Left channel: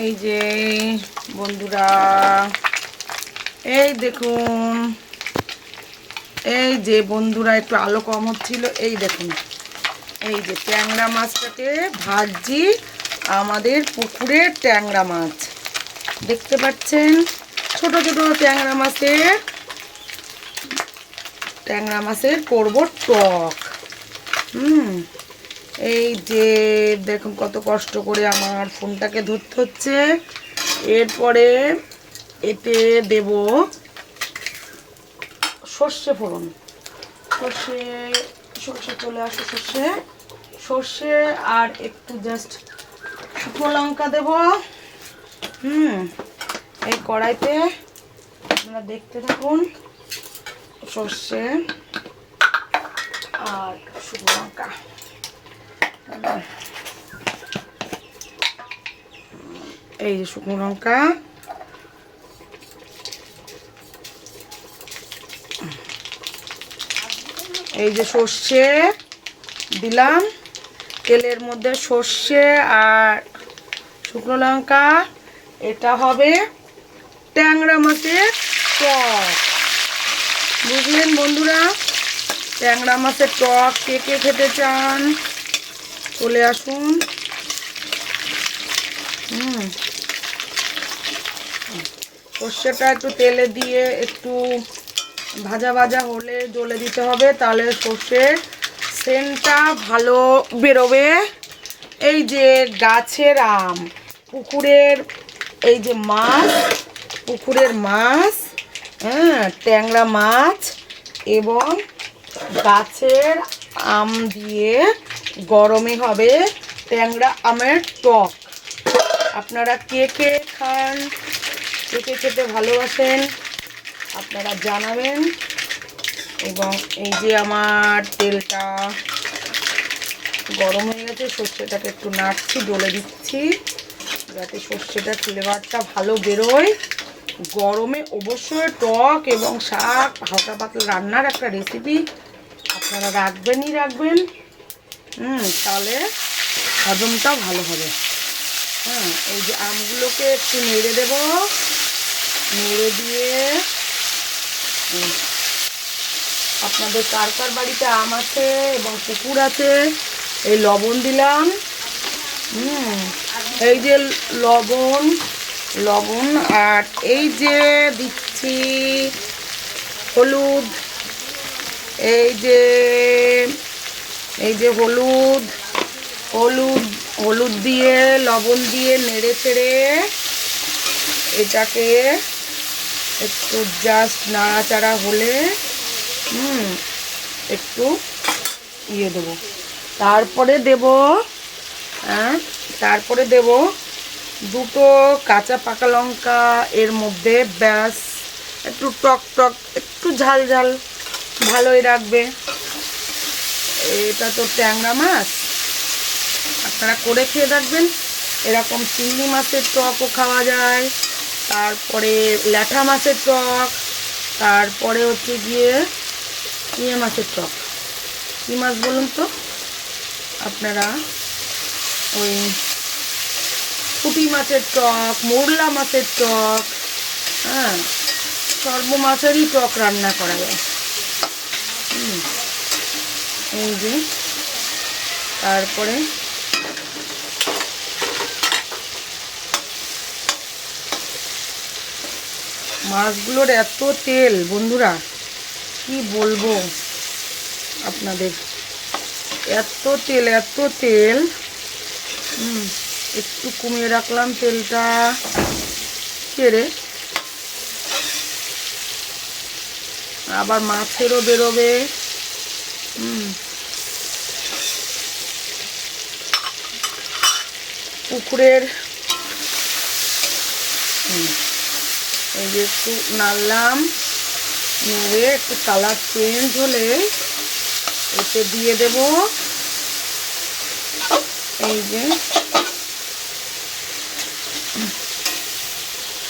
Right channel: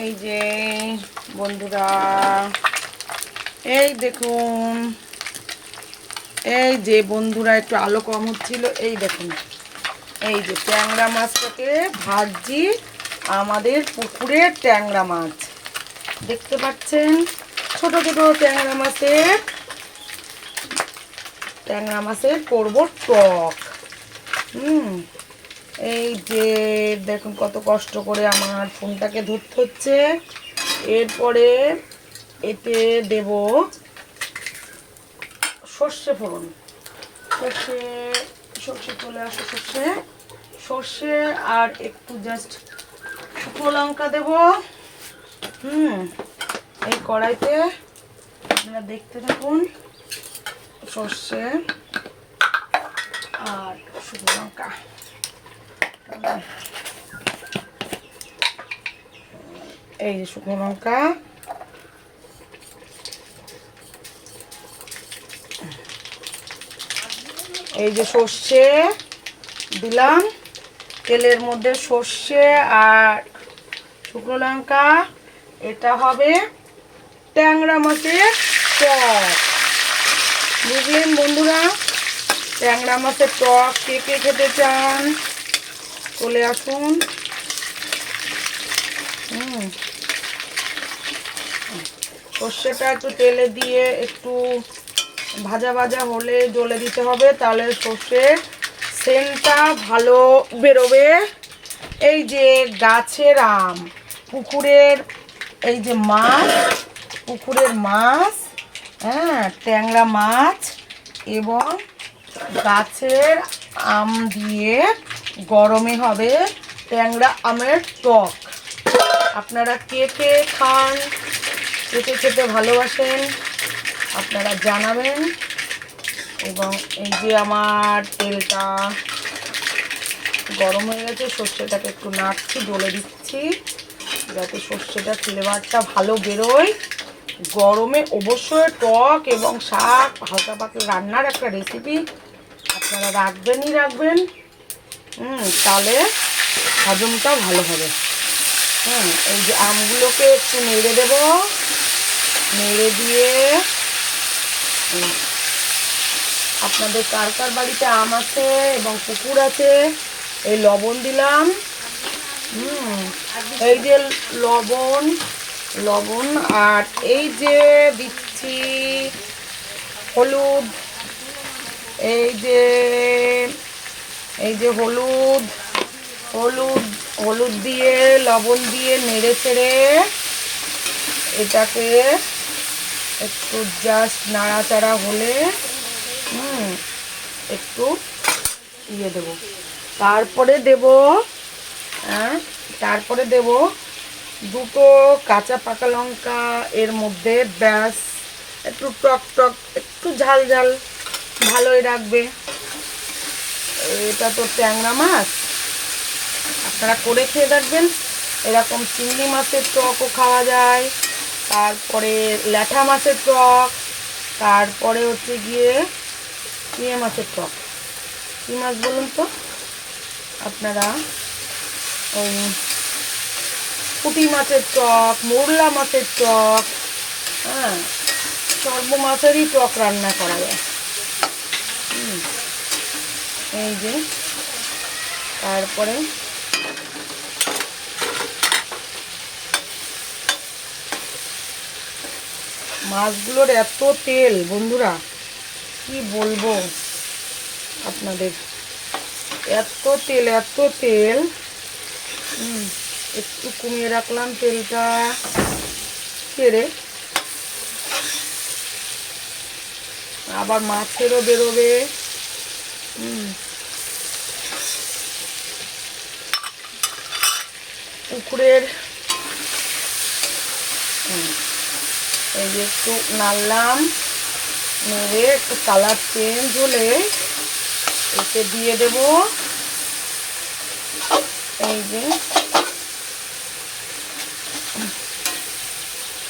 এই যে বন্ধুরা, এই দেখুন, এই যে বন্ধুরা একটু আলো কম হচ্ছিল, এই দেখুন, এই যে ট্যাংরা মাছটাকে ভাজছি। আমাদের পুকুরের ট্যাংরা মাছ দেখতে পাচ্ছেন, ছোট ছোট ট্যাংরা মাছের করবো টক। এই যে দেখুন কত কষ্ট করে আমার ফোনটাকে ধরতে হচ্ছে। এরপরে এতে দেব সর্ষে ফোড়ন, সর্ষে চলে আসে, সর্ষে আর একটু জাস্ট শুকনো লঙ্কা দেব। এই কড়াইতে আপনারা দেখতে থাকুন, সর্ষে আর শুকনো লঙ্কা। এই যে শুকনো লঙ্কা, এই যে সর্ষে দিলাম তেলের মধ্যে, সর্ষে আর শুকনো লঙ্কা। এটা হবে ট্যাংরা মাছের টক, বুঝলেন বন্ধুরা? ট্যাংরা মাছের টক কে কে খেতে চান চলে আসুন। সর্ষেটা একটু তেলে দিয়ে একটু ভাজা ভাজা হলে জ্বলে দিতে হবে, তাহলে সর্ষের সেন্টটা ভালো বেরোবে। এই যে গাছের আম, পুকুরের এই যে মাছ, পুকুরের মাছ, ট্যাংরা মাছ এবং গাছের আম দিয়ে গরমে হবে ট্যাংরা আমের টক। আপনারা কে কে খান, কে কে খেতে ভালোবাসেন আপনারা জানাবেন। এবং এই যে আমার তেলটা গরম হয়ে গেছে, সর্ষেটাকে একটু নাড়ছি, ডলে দিচ্ছি যাতে সর্ষেটা ফ্লেভারটা ভালো বেরোয়। গরমে অবশ্যই টক এবং শাক হালকা পাতলা রান্নার একটা রেসিপি আপনারা রাখবেন। তাহলে হজমটা ভালো হবে। এই যে আমগুলোকে একটু নেড়ে দেব, নেড়ে দিয়ে আপনাদের কার কার বাড়িতে আম আছে এবং পুকুর আছে, এই লবণ দিলাম। এই যে লবণ আর এই যে দিচ্ছি হলুদ, এই যে হলুদ দিয়ে লবণ দিয়ে নেড়ে চেড়ে এটাকে একটু জাস্ট নাড়াচাড়া হলে একটু দেবো। তারপরে দেব দুটো কাঁচা পাকা লঙ্কা এর মধ্যে, ব্যাস। একটু টক একটু ঝাল ভালোই রাখবে। এটা তো ট্যাংরা মাছ, আপনারা করে খেয়ে দেখবেন। এরকম চিংড়ি মাছের টকও খাওয়া যায়, তারপরে ল্যাঠা মাছের টক, তারপরে হচ্ছে গিয়ে চিংড়ি মাছের টক। কী মাছ বলুন তো আপনারা? ওই পুঁটি মাছের টক, মৌরলা মাছের টক, সর্ব মাছেরই টক রান্না করা যায়। এই যে তারপরে মাছগুলোর এত তেল বন্ধুরা, কি বলবো আপনাদের, এত তেল। একটু কমিয়ে রাখলাম তেলটা, কেড়ে আবার মাছেরও বেরোবে। পুকুরের এই যে একটু নাড়লাম, নেড়ে একটু কালার চেঞ্জ হলে এতে দিয়ে দেব এই যে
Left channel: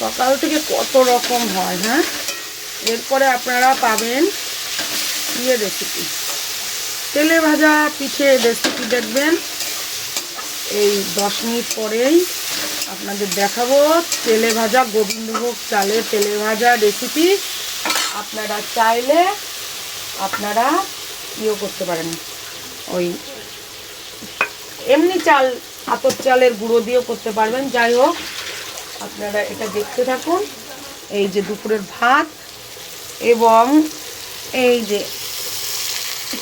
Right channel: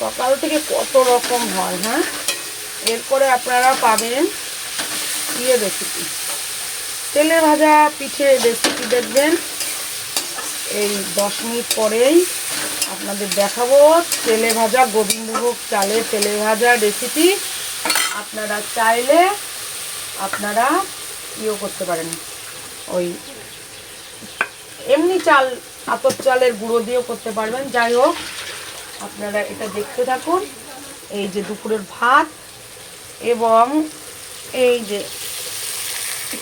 সকাল থেকে কত রকম হয়। এরপরে আপনারা পাবেন রেসিপি, তেলে ভাজা পিঠে রেসিপি দেখবেন। এই 10 মিনিট পরেই আপনাদের দেখাবো তেলে ভাজা গোবিন্দভোগ চালের তেলে ভাজা রেসিপি। আপনারা চাইলে আপনারা ইয়েও করতে পারেন, ওই এমনি চাল আতপ চালের গুঁড়ো দিয়েও করতে পারবেন। যাই হোক, আপনারা এটা দেখতে থাকুন। এই যে দুপুরের ভাত এবং এই যে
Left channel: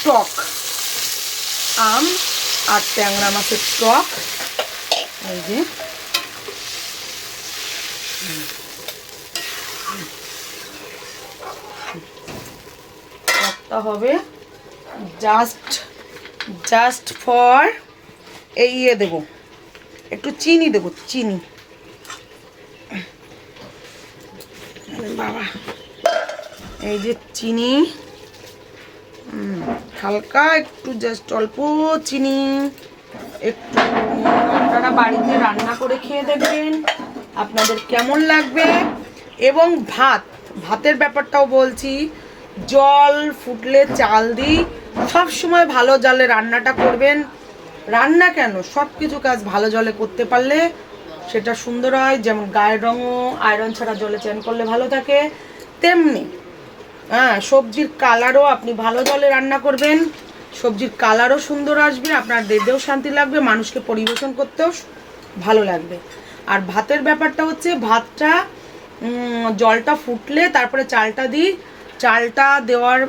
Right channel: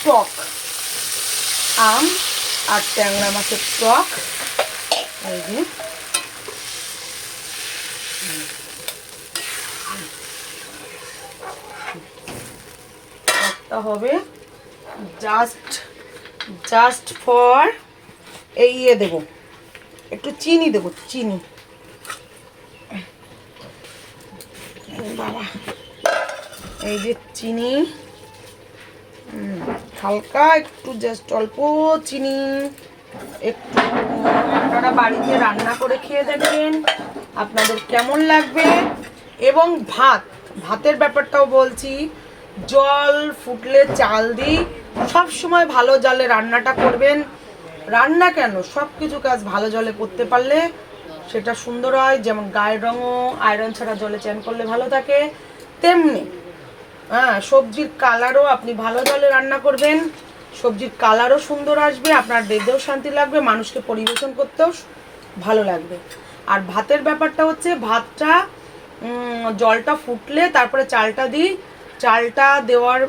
টক, আম আর ট্যাংরা মাছের টক। এই যে টকটা হবে জাস্ট ফর এই ইয়ে দেবো, একটু চিনি দেবো, চিনি বাবা, এই যে চিনি, হালকা একটু জাস্ট অল্প চিনি একটু। আপনারা বাড়িতে রান্না করে খেয়ে দেখবেন আপনাদের কেমন লাগবে। এবং ভাতের ব্যাপারটাও বলছি, জল ফুটলে চাল দিই, সবসময় ভালো জলে রান্নাটা করবেন। রান্না কেন, সব কিছু কাজ ভালো জলে করতে পারলে সেটা সুন্দর হয়। যেমন গায়ের রঙও আয়রন ছাড়া জলে চান করলে ভালো থাকে, তেমনি সবজির কালারও আপনি ভালো জলে রান্না করবেন, সবজির কালারও সুন্দর আসবে, আপনার দেখতেও শান্তি লাগবে, মানুষকে পরিবেশন করতেও ভালো লাগবে। আর ভাতের ব্যাপারটা হচ্ছে, ভাতটা জলটা ফুটলে তারপরে চালটা দিই, চালটা দেওয়ার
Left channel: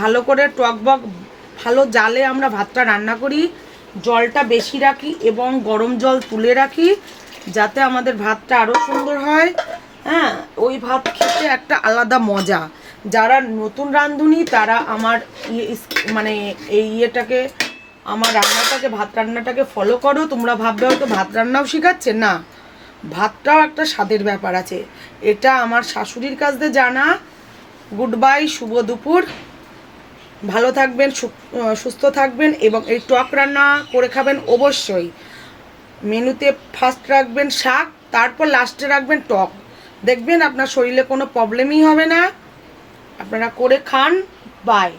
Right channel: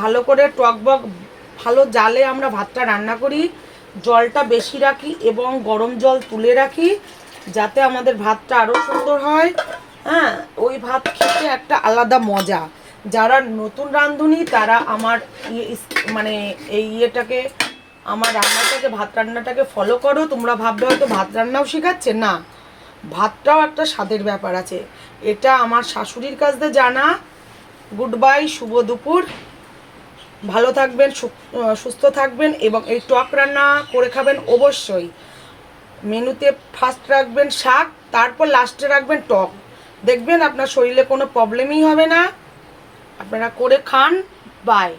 ভালো করে টকবক ভালো জালে আমরা ভাতটা রান্না করি, জলটা বেশি রাখি এবং গরম জল তুলে রাখি যাতে আমাদের ভাতটা আরও সুন্দর হয়। হ্যাঁ, ওই ভাত খেতে একটা আলাদা মজা। যারা নতুন রাঁধুনি তারা আমার মানে এই ইয়েটাকে, আমার রান্নাটাকে, ভাত রান্নাটাকে ফলো করো। তোমরা ভাববে হয়তো ভাত রান্নাও শেখাচ্ছে, না, ভাতটাও একটা স্বাদের ব্যাপার আছে। এটা আমার শাশুড়ির কাছ থেকে জানা। গুড বাই, শুভ দুপুর, ভালো থাকবেন, সুস্থ থাকবেন এবং এই টক রান্না করে খাবেন অবশ্যই। মেনুতে ফার্স্ট রাখবেন শাক, তারপর লাস্টে রাখবেন টক, দেখবেন আপনার শরীরে কোনো প্রবলেমই হবে না। আপনারা করে খান। বাই।